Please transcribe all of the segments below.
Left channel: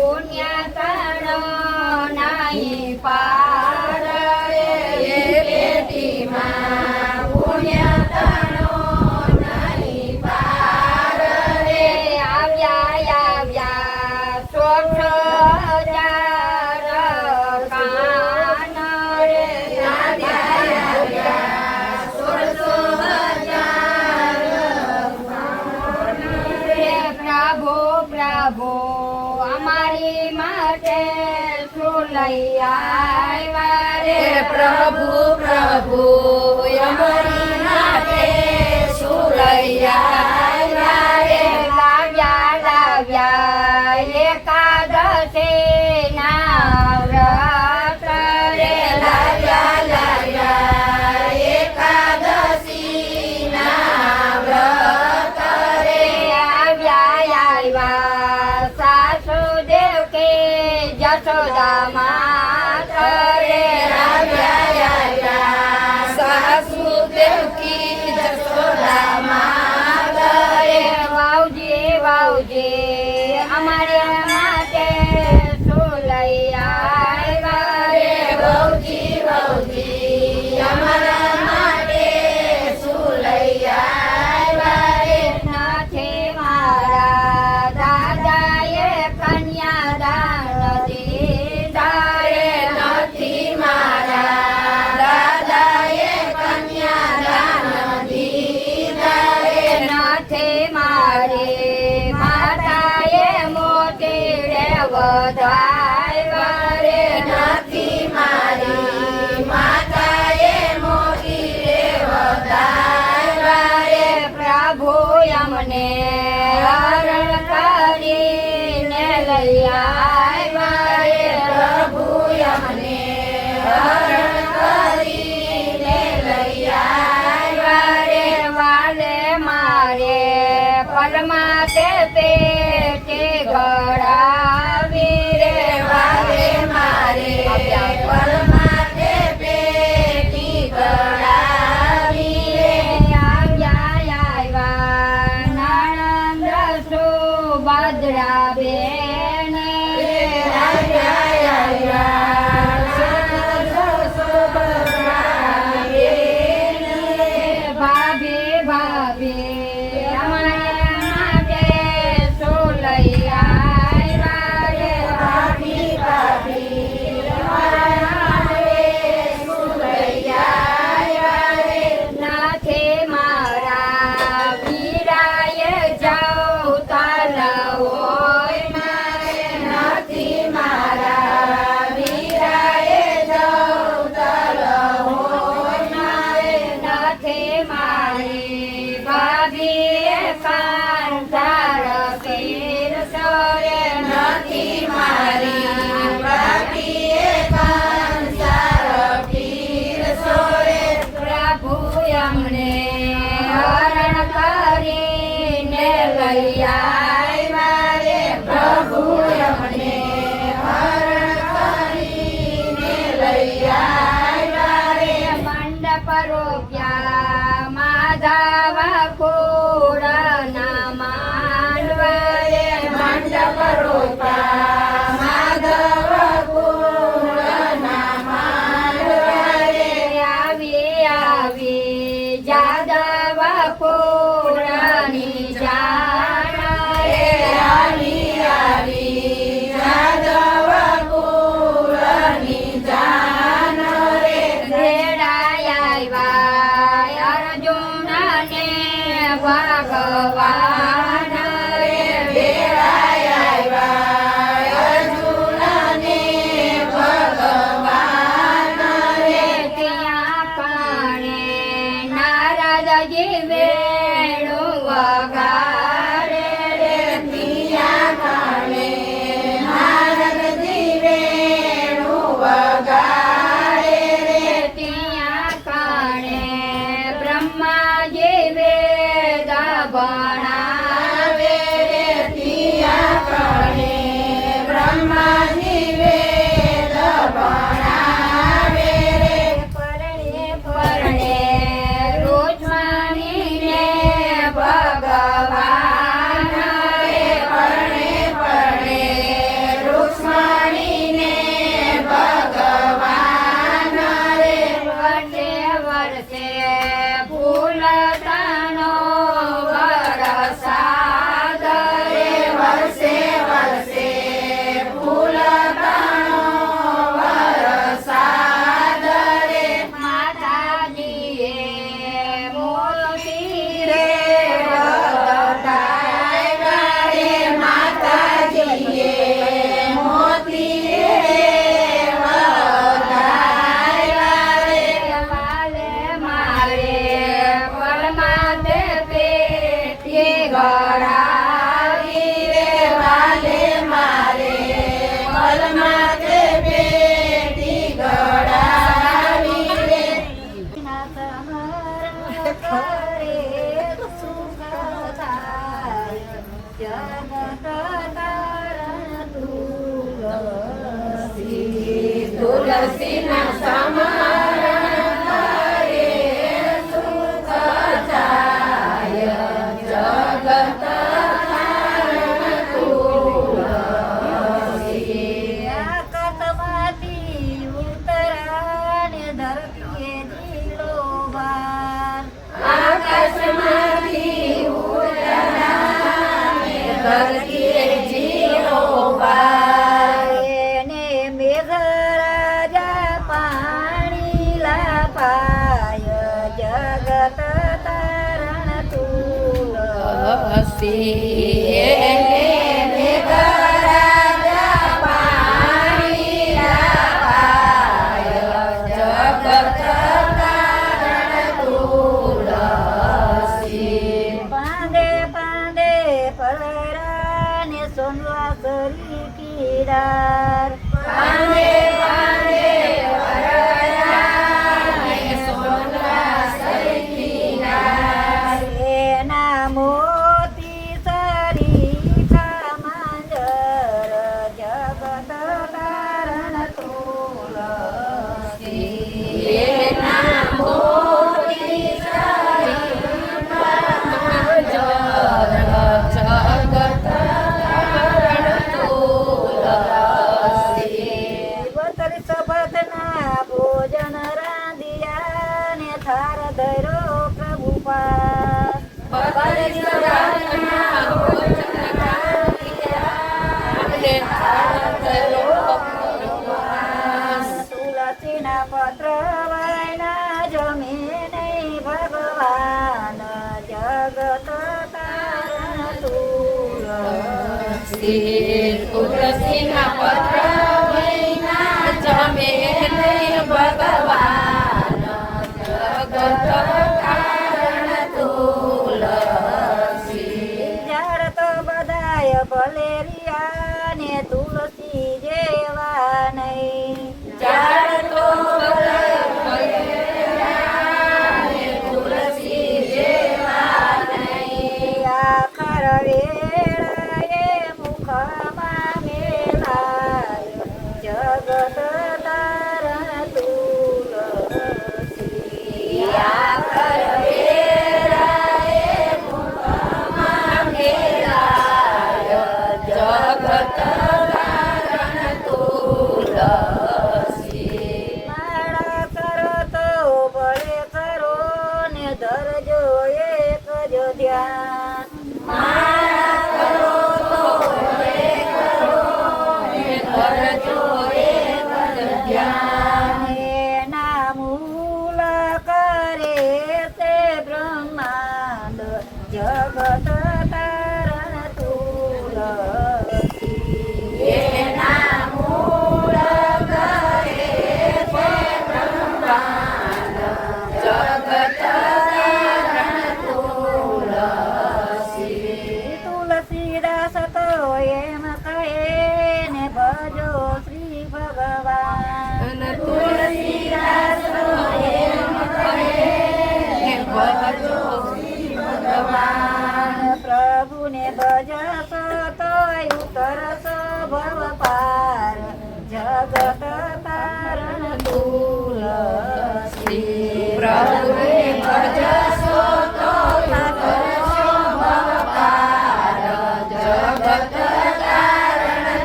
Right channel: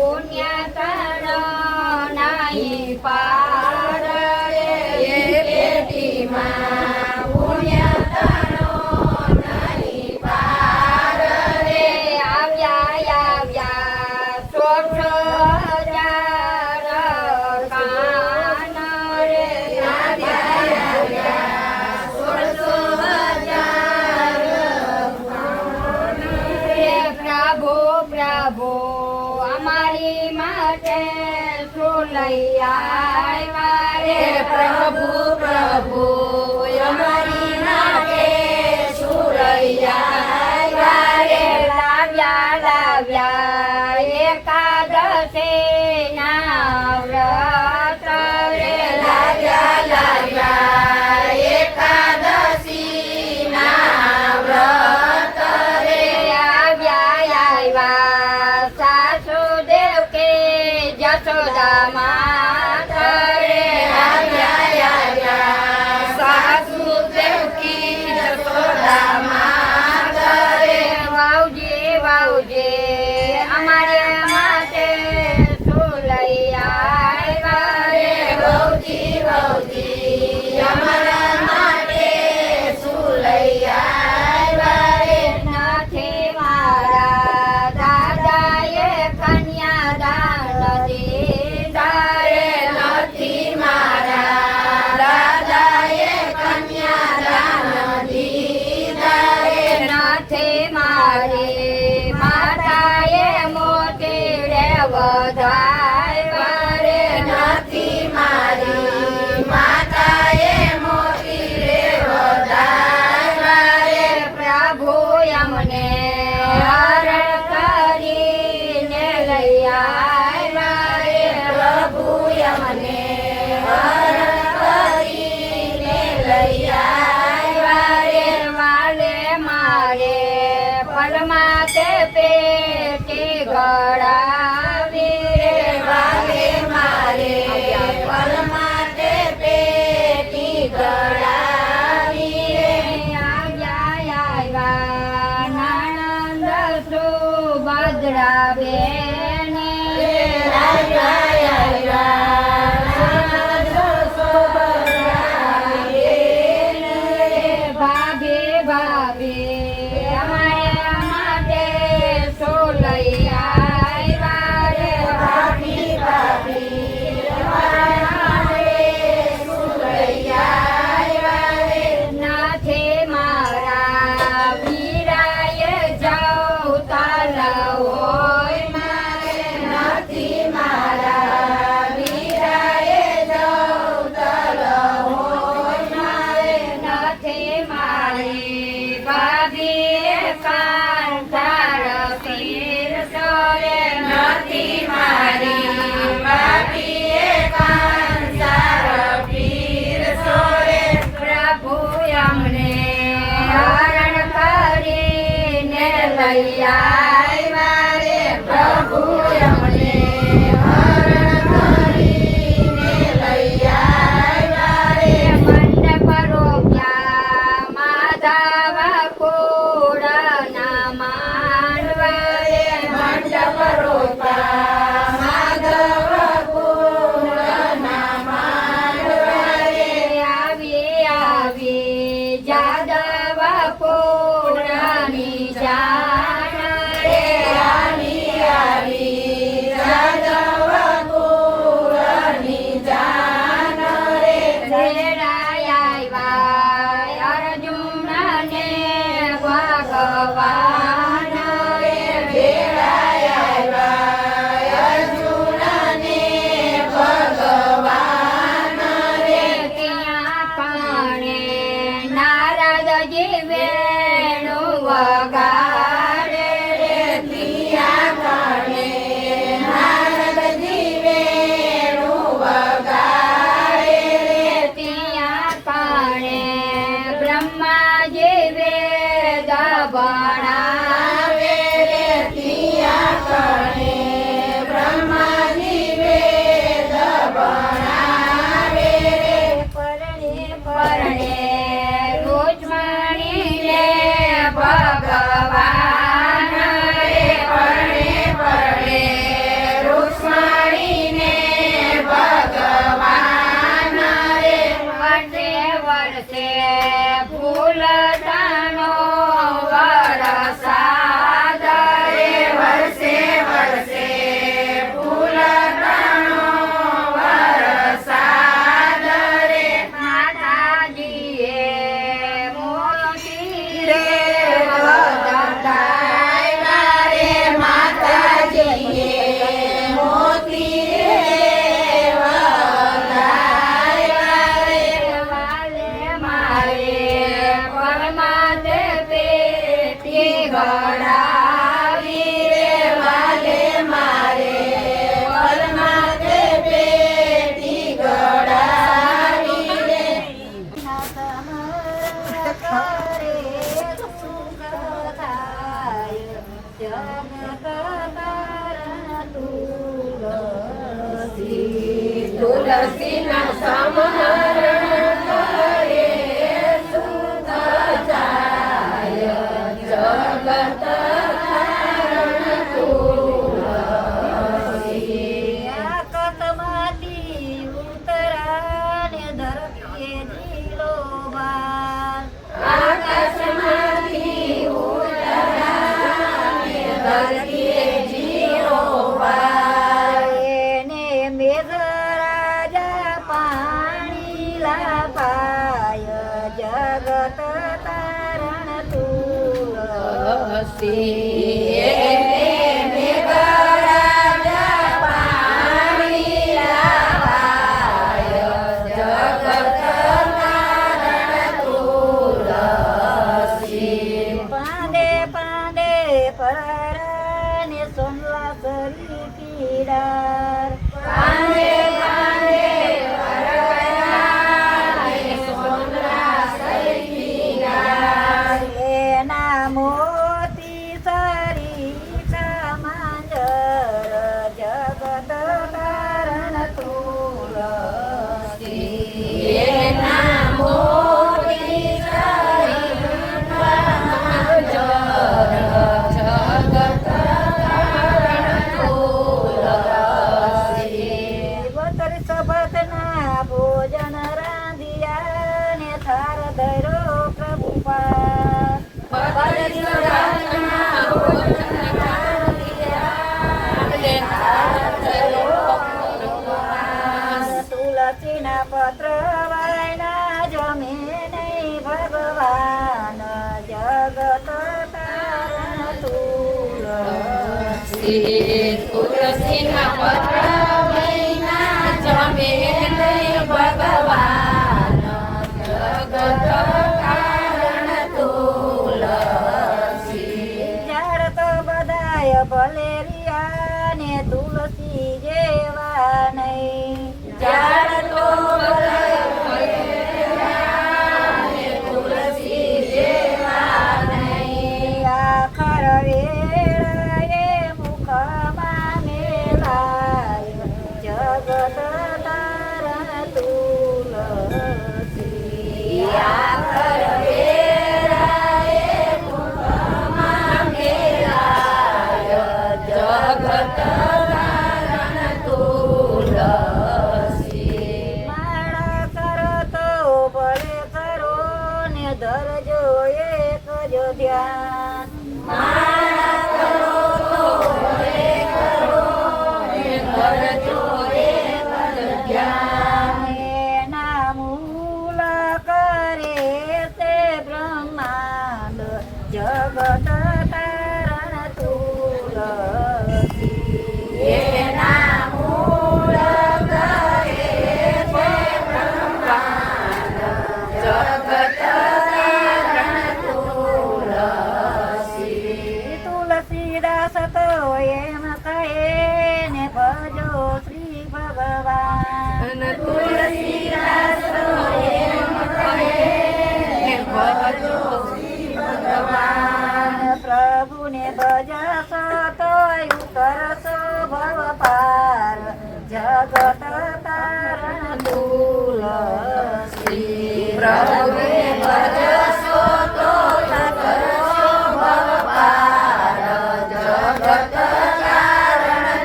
પુણ્ય તણ નહીં પાર રે પેટીમાં પુણ્ય તણ નહીં પાર રે આવ્યા સોઠ હજાર કાન રે આવ્યા 16,000 પ્રભુ અમારી માટે શું લઈ આવ્યા રે પ્રભુ અમારી માટે શું લઈ આવ્યા રે લાવ્યા એકાદશી ના વ્રત રે લાવ્યા એકાદશી ના વ્રત રે આવ્યા સાસુદેવ કે જશોદા માત રે આવ્યા સાસુદેવ કી જશોદા માત રે વાવજી અમારે માટે શું લઈ આવ્યા રે વાવજી અમારા માટે શું લઈ આવ્યા રે નથી મારા દાદાએ કન્યાદાન દીધા રે નથી મારા દાદાએ કન્યાદાન દીધા રે નથી મારે માતાએ મોતી રે વધાવ્યા રે નથી મારી માતાએ મોતી રે વધાવ્યા રે પ્રભુ અમને હરણ કરીને લઈ આવ્યા રે પ્રભુ અમને હરણ કરીને લઈ આવ્યા રે વાલે મારે પરમાતે પેટે ગળાવી રે વાલે મારે પરમાતે પેટી ગળાવી રે આવ્યા નણંદ સુભદ્રા બેન ભાભી અમારા માટે શું લઈ આવ્યા રે ભાભી અમારા માટે શું લઈ આવ્યા રે નથી મારા વીરાએ જવતલ હોય મારે નથી મારા વીરાએ જવતલ હોય મારે નથી મારી ભાભીએ કાંઠાર પીરસો રે નથી મારી ભાભીએ કાંઠાર પીરસો રે પ્રભુ અમને હરણ કરીને લઈ આવ્યા રે પ્રભુ અમને હરણ કરીને લઈ આવ્યા રે મંડપ રોપ્યા માધવ પૂરના માનવા રે મંડપ રોપ્યા માધવ પૂરના માનવા રે આવી જાદવ પૂરની જાણ તારણ તુલસી તુલસીના સમરણ કરે સુખ જાય જગત તારણ તુલસી આકાશમાંથી ઉતરાને ધરતીએ જીલો બાર આકાશમાંથી ઉતરાને ધરતીએ જીરો બાર એને મેઘરાજા પાણી લાપાય જગત તારણ તુલસી મેઘરાજા પાણી લાવાય જગત તારણ તુલસી પાંદે પાંદે પરાને સોનવા કરી કીડાર પાંદે પાંદે વરરાય સોનલા સરકીનાર એના મોતી સારી માંજર જગત તારણ તુલસી એના મોતી સભતના ભોજન રાંધિયા ને થાર ધરો પ્રભુ પાસ તુલસીના પત્ર લાયના જમે નહીં ભગવાન જગત તારણ તુલસી તુલસીના પત્ર વૈના જમે નહીં ભગવાન જગત તારણ તુલસી ઝાડ તો બધાય ભલેરિયા ને તુલસી જેવા નહીં ઝાડ તો ભલેરિયાને તુલસી જેવા નહીં આખર વેળાએ મુખમાં મેલાય જગત તારણ તુલસી આખર વેળાએ મુખમાં મેલાય જગત તારણ તુલસી માળા કરો તો ભલે કરો ને ધરજો એક જ ધ્યાન માળા કરો તો ભલે કરો ને ધરજો એક જ ધ્યાન એના મૂલ કરે તે બ્રહ્માંડ જગત તારણ તુલસી એના મૂળ કરે તે બ્રહ્માંડ જગત તારણ તુલસી તુલસીદાસ તો એમ કહે ને ભજો શ્રી ભગવાન તુલસીદાસ તો એમ કહે ભજો શ્રી ભગવાન પ્રભુને ભજશો તો ઉતરશો ભવ પાર જગત તારણ તુલસી પ્રભુને ભજશો તો કરશો ભવપાર જગત તારણ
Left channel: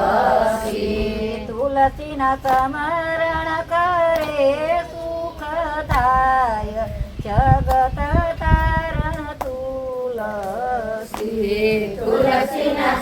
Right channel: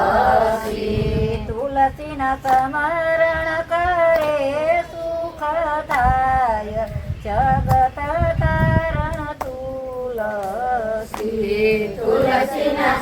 તુલસી તુલસીના સ્મરણ કરે સુખ થાય જગત તારણ તુલસી તુલસીના